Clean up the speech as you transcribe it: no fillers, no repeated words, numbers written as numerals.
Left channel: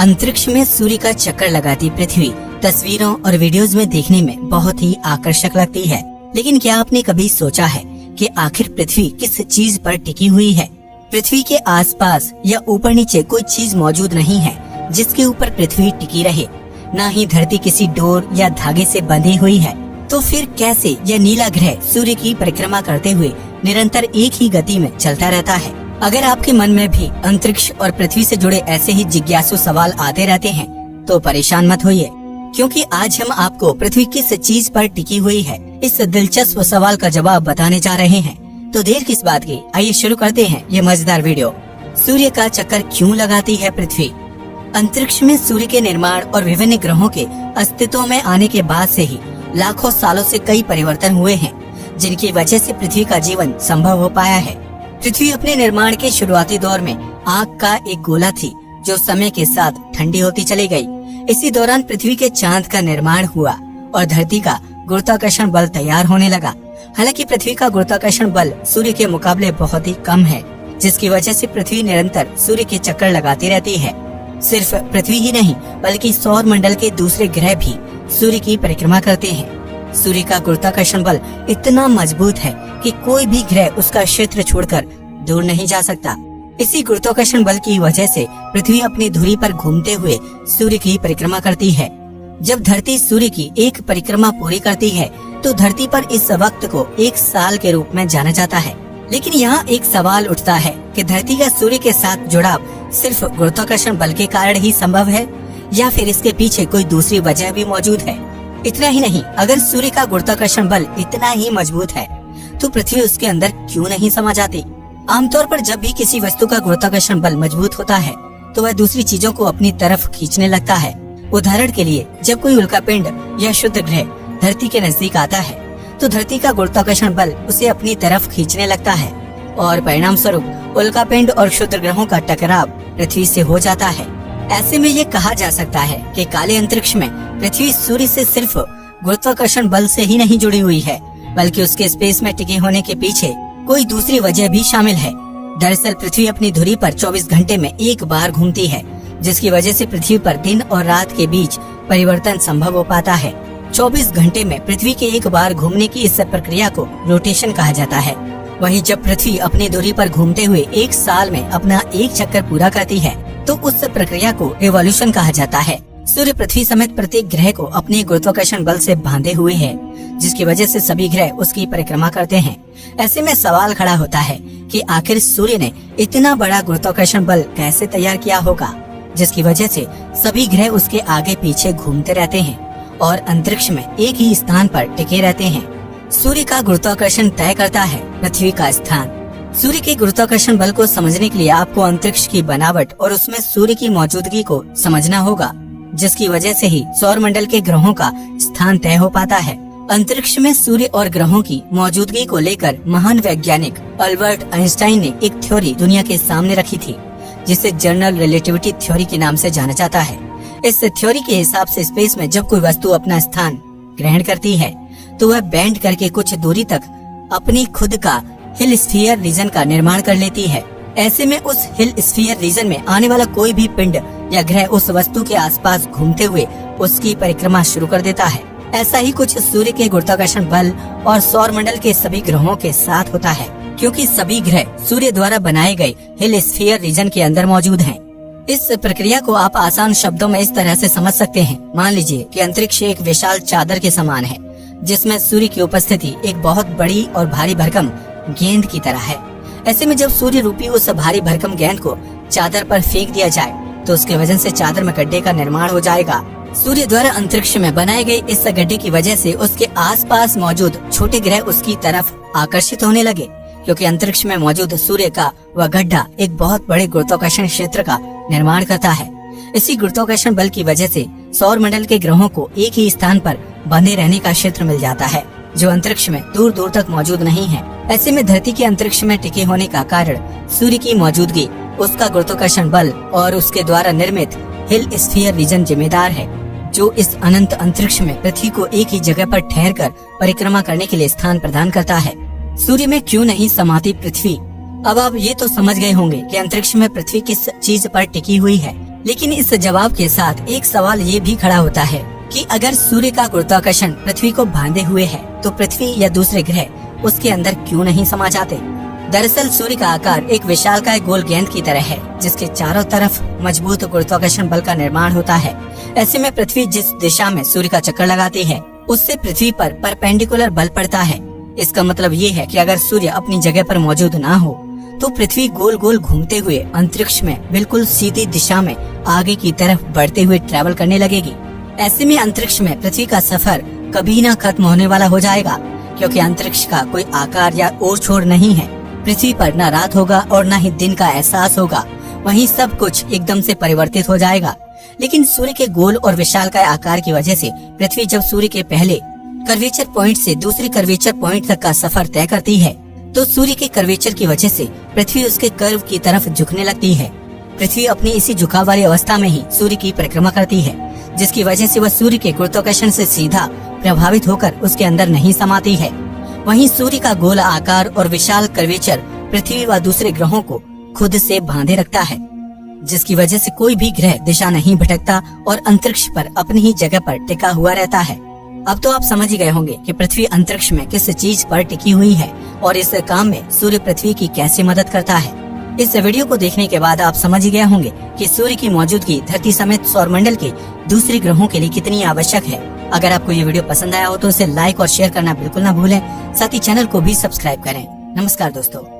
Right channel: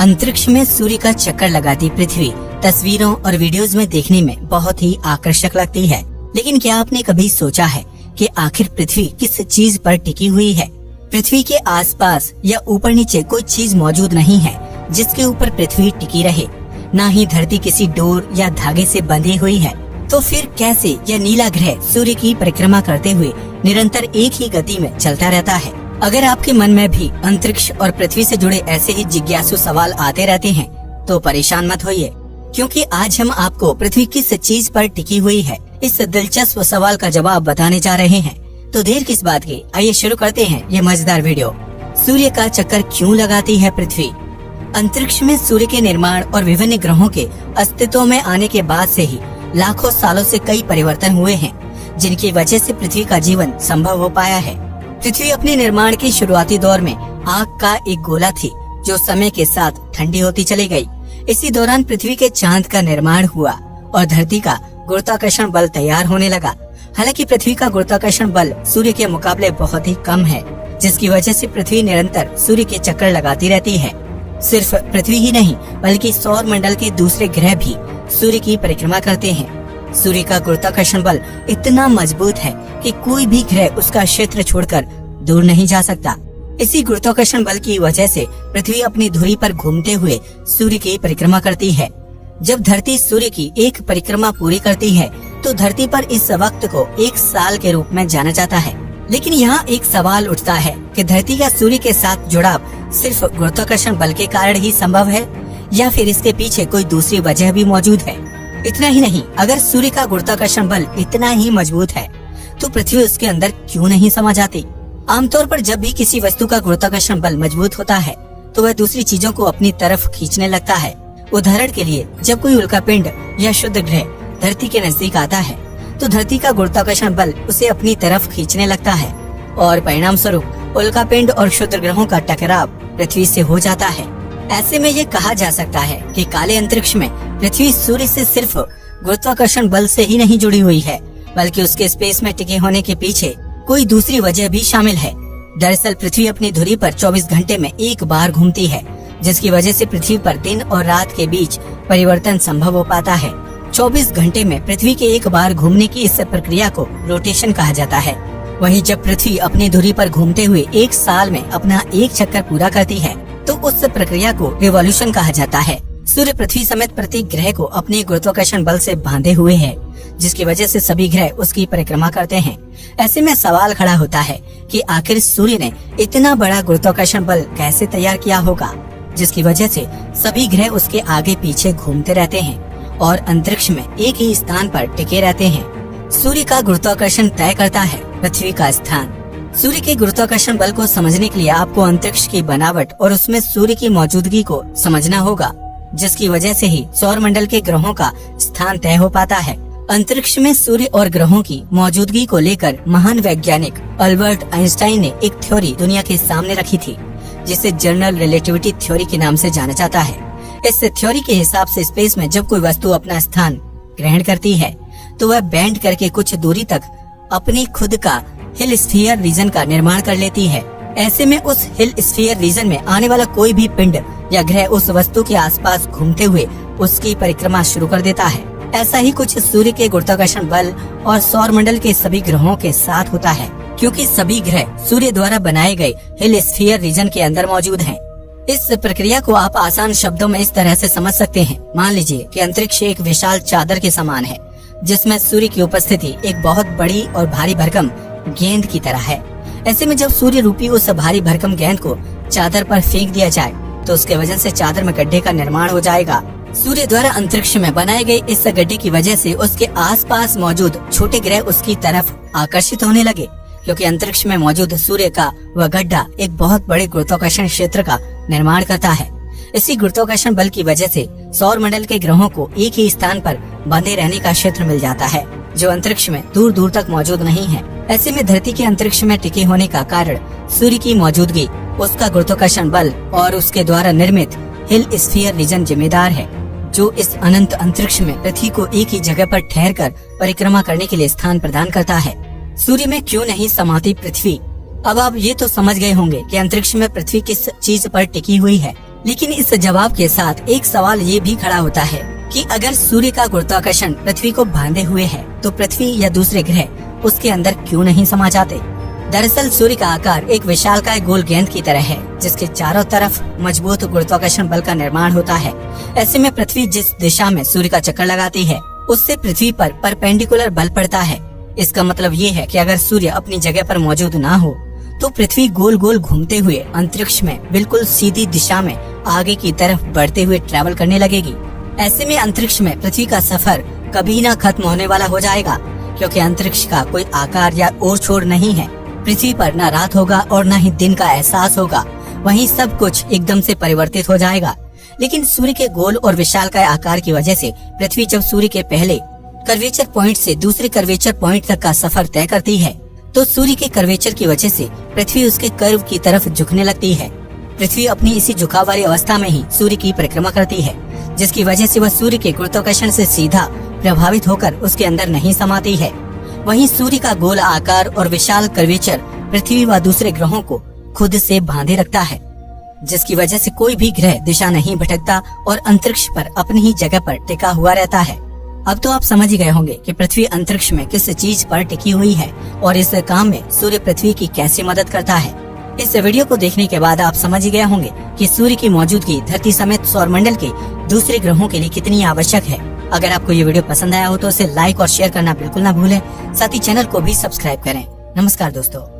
अंतरिक्ष में सूर्य का चक्कर लगाती पृथ्वी तस्वीरों और वीडियोस में देखने में बहुत ही आकर्षक लगती है। लेकिन क्या आपने कभी सोचा है कि आखिर पृथ्वी किस चीज पर टिकी हुई है? पृथ्वी के आसपास या ऊपर नीचे कोई चीज मौजूद नहीं है जिसके ऊपर पृथ्वी टिकी रहे। न ही धरती किसी डोर या धागे से बंधी हुई है। तो फिर कैसे यह नीला ग्रह सूर्य की परिक्रमा करते हुए निरंतर एक ही गति में चलता रहता है? अगर आपके मन में भी अंतरिक्ष और पृथ्वी से जुड़े ऐसे ही जिज्ञासु सवाल आते रहते हैं तो परेशान मत होइए, क्योंकि आज हम आपको पृथ्वी किस चीज पर टिकी हुई है इस दिलचस्प सवाल का जवाब बताने जा रहे हैं। तो देर किस बात की, आइए शुरू करते हैं ये मजेदार वीडियो। सूर्य का चक्कर क्यों लगाती है पृथ्वी? अंतरिक्ष में सूर्य के निर्माण और विभिन्न ग्रहों के अस्तित्व में आने के बाद से ही लाखों सालों से कई परिवर्तन हुए हैं, जिनकी वजह से पृथ्वी का जीवन संभव हो पाया है। पृथ्वी अपने निर्माण के शुरुआती दौर में आग का एक गोला थी जो समय के साथ ठंडी होती चली गई। इसी दौरान पृथ्वी के चांद का निर्माण हुआ और धरती का गुरुत्वाकर्षण बल तैयार होने लगा। हालांकि पृथ्वी का गुरुत्वाकर्षण बल सूर्य के मुकाबले बहुत ही कम है, जिसकी वजह से पृथ्वी निरंतर सूर्य के चक्कर लगाती रहती है। सिर्फ पृथ्वी ही नहीं बल्कि सौर मंडल के दूसरे ग्रह भी सूर्य की परिक्रमा करते हैं। सूर्य का गुरुत्वाकर्षण बल इतना मजबूत है कि कोई भी ग्रह उसका क्षेत्र छोड़कर दूर नहीं जा सकता। इसी गुरुत्वाकर्षण बल की वजह से पृथ्वी अपनी धुरी पर घूमते हुए सूर्य की परिक्रमा करती है। जब धरती सूर्य की एक परिक्रमा पूरी करती है तो धरती पर इस वक्त को एक साल के रूप में जाना जाता है। लेकिन यहाँ एक सवाल उठता है कि धरती का सूर्य के साथ जुड़ाव सिर्फ गुरुत्वाकर्षण बल के कारण ही संभव है या फिर इसके पीछे कोई दूसरी वजह भी मौजूद है? इतना ही नहीं, अगर सूर्य का गुरुत्वाकर्षण बल इतना ही मजबूत है तो पृथ्वी उसके अंदर क्यों नहीं समा जाती? आमतौर पर जब भी किसी वस्तु का गुरुत्वाकर्षण बल मजबूत होता है तो वह दूसरी चीजों को अपनी तरफ खींचने लगता है। उदाहरण के लिए, जब कोई उल्कापिंड या शुद्ध ग्रह धरती के नजदीक आता है तो धरती का गुरुत्वाकर्षण बल उसे अपनी तरफ खींचने लगता है और परिणाम स्वरूप उल्कापिंड और क्षुद्र ग्रहों का टकराव पृथ्वी से हो जाता है। ऐसे में ये कहा जा सकता है कि काले अंतरिक्ष में पृथ्वी सूर्य से सिर्फ गुरुत्वाकर्षण बल से ही नहीं जुड़ी हुई है, बल्कि उसके स्पेस में टिके होने के पीछे कोई दूसरी वजह भी शामिल है। दरअसल पृथ्वी अपनी धुरी पर 24 घंटे में एक बार घूमती है, जिसकी वजह से पृथ्वी पर दिन और रात के बीच परिवर्तन संभव हो पाता है। 24 घंटे में पृथ्वी के एक बार घूमने की इस प्रक्रिया को रोटेशन कहा जाता है। वहीं जब पृथ्वी अपनी धुरी पर घूमते हुए एक साल में अपना एक चक्कर पूरा करती है तो उस प्रक्रिया को एवोल्यूशन कहा जाता है। सूर्य पृथ्वी समेत प्रत्येक ग्रह को अपने गुरुत्वाकर्षण बल से बांधे हुए है, जिसकी वजह से सभी ग्रह उसकी परिक्रमा करते हैं। ऐसे में सवाल खड़ा होता है कि आखिर सूर्य ने इतना बड़ा गुरुत्वाकर्षण बल कैसे तैयार किया होगा, जिसकी वजह से सभी ग्रह उसके आगे पीछे घूमते रहते हैं और अंतरिक्ष में एक ही स्थान पर टिके रहते हैं। सूर्य का गुरुत्वाकर्षण तय करता है पृथ्वी का स्थान। सूर्य के गुरुत्वाकर्षण बल को समझने के लिए आपको अंतरिक्ष की बनावट और उसमें सूर्य की मौजूदगी को समझना होगा, जिसकी वजह से ही सौर मंडल के ग्रहों का स्थान तय हो पाता है। अंतरिक्ष में सूर्य और ग्रहों की मौजूदगी को लेकर महान वैज्ञानिक अल्बर्ट आइंस्टाइन ने एक थ्योरी दुनिया के सामने रखी थी, जिसे जनरल रिलेटिविटी थ्योरी के नाम से जाना जाता है। इस थ्योरी के हिसाब से स्पेस में जब कोई वस्तु अपना स्थान ग्रहण करती है तो वह बैंड करके कुछ दूरी तक अपनी खुद का हिल स्फीयर रीजन का निर्माण कर लेती है। ऐसे में उस हिल स्फीयर रीजन में आने वाला कोई भी पिंड या ग्रह उस वस्तु के आसपास घूमते हुए उसकी परिक्रमा शुरू कर देता है। ऐसा ही कुछ सूर्य के गुरुत्वाकर्षण बल और सौर मंडल के सभी ग्रहों के साथ होता है, क्योंकि सभी ग्रह सूर्य द्वारा बनाए गए हिल स्फीयर रीजन के अंदर मौजूद हैं। इस प्रक्रिया को आप आसान शब्दों में इस तरह से समझ सकते हैं। मान लीजिए कि अंतरिक्ष एक विशाल चादर के समान है, जिसमें सूर्य की उपस्थिति एक बहुत बड़ी और भारी भरकम गेंद की तरह है। ऐसे में जब सूर्य रूपी उस भारी भरकम गेंद को चादर पर फेंक दिया जाए तो उसके वजन से चादर में गड्ढे का निर्माण हो जाएगा। सूर्य द्वारा अंतरिक्ष में बनाए गए इस गड्ढे की वजह से उसके आसपास मौजूद छोटे ग्रह उसकी तरफ आकर्षित होने लगे, क्योंकि अंतरिक्ष में मौजूद सूर्य का वह गड्ढा एक बहुत बड़े गुरुत्वाकर्षण क्षेत्र का निर्माण करता है। इसी गुरुत्वाकर्षण बल की वजह से सौर मंडल के ग्रहों को एक ही स्थान पर बंधे रहने का क्षेत्र मिल जाता है, जो अंतरिक्ष में दूर दूर तक मौजूद नहीं है। ऐसे में धरती के अंतरिक्ष में टिके होने का कारण सूर्य की मौजूदगी, उसका गुरुत्वाकर्षण बल और उसके द्वारा निर्मित हिल स्फीयर रीजन जिम्मेदार है, जो इस अनंत अंतरिक्ष में पृथ्वी को एक ही जगह पर ठहर कर परिक्रमा करने के लिए स्थान प्रदान करता है। सूर्य में क्यों नहीं समाती पृथ्वी? अब आप ये तो समझ गए होंगे कि अंतरिक्ष में पृथ्वी किस चीज पर टिकी हुई है, लेकिन इस जवाब के साथ एक सवाल ये भी खड़ा होता है कि अगर सूर्य का गुरुत्वाकर्षण पृथ्वी को बांधे हुए है तो पृथ्वी या दूसरे ग्रह उसके अंदर क्यों नहीं समा जाते। दरअसल सूर्य का आकार एक विशालकाय गोल गेंद की तरह है, जिसके चारों तरफ मजबूत गुरुत्वाकर्षण बल का निर्माण होता है। ऐसे में पृथ्वी जिस दिशा में सूर्य का चक्कर लगाती है उससे पृथ्वी पर परपेंडिकुलर बल पड़ता है। इसका मतलब ये है कि अगर सूर्य अपनी जगह पर मौजूद ना हो तो पृथ्वी गोल गोल घूमते हुए अंतरिक्ष में बिल्कुल सीधी दिशा में आगे की तरफ बढ़ते हुए ट्रैवल करने लगेगी। ऐसे में अंतरिक्ष में पृथ्वी का सफर कभी ना खत्म होने वाला हो जाएगा, क्योंकि अंतरिक्ष का कोई आकार या ओर छोर नहीं है। पृथ्वी पर न रात होगा और न ही दिन का एहसास होगा, वहीं सब कुछ एकदम से परिवर्तित हो जाएगा। लेकिन सूर्य के गोल और विशालकाय आकार की वजह से पृथ्वी जब सूर्य के पहले कर्वेचर पॉइंट से दूसरे कर्वेचर पॉइंट तक का सफर तय करती है तो सूर्य के कर्वेचर की वजह से पृथ्वी उसके कर्व की तरफ झुकने लगती है। पृथ्वी अपनी इसी झुकाव वाली अवस्था में ही सूर्य की परिक्रमा करती है, जिसकी वजह से वह सूर्य के गुरुत्वाकर्षण से सीधा प्रभावित होकर उसके अंदर नहीं समाती है। वहीं सूर्य का गोल आकार और विशाल कर्वेचर पृथ्वी व दूसरे ग्रहों को खुद से बांधे रखता है, जिसकी वजह से कोई भी ग्रह दिशा नहीं भटकता और अंतरिक्ष पर अपनी ही जगह पर टिका हुआ रहता है। अब तो आप समझ ही गए होंगे कि पृथ्वी अंतरिक्ष में किस चीज पर टिकी हुई है और इस काम में सूर्य पृथ्वी की कैसे मदद करता है। इस वीडियो को देखने के बाद आप समझ ही गए होंगे कि सूर्य की मौजूदगी धरती समेत सौरमंडल के दूसरे ग्रहों के लिए कितनी आवश्यक है। अगर आपको ये वीडियो पसंद आया हो तो इसे लाइक और शेयर करना बिल्कुल ना भूलें। साथ ही चैनल को भी सब्सक्राइब करें। नमस्कार दोस्तों।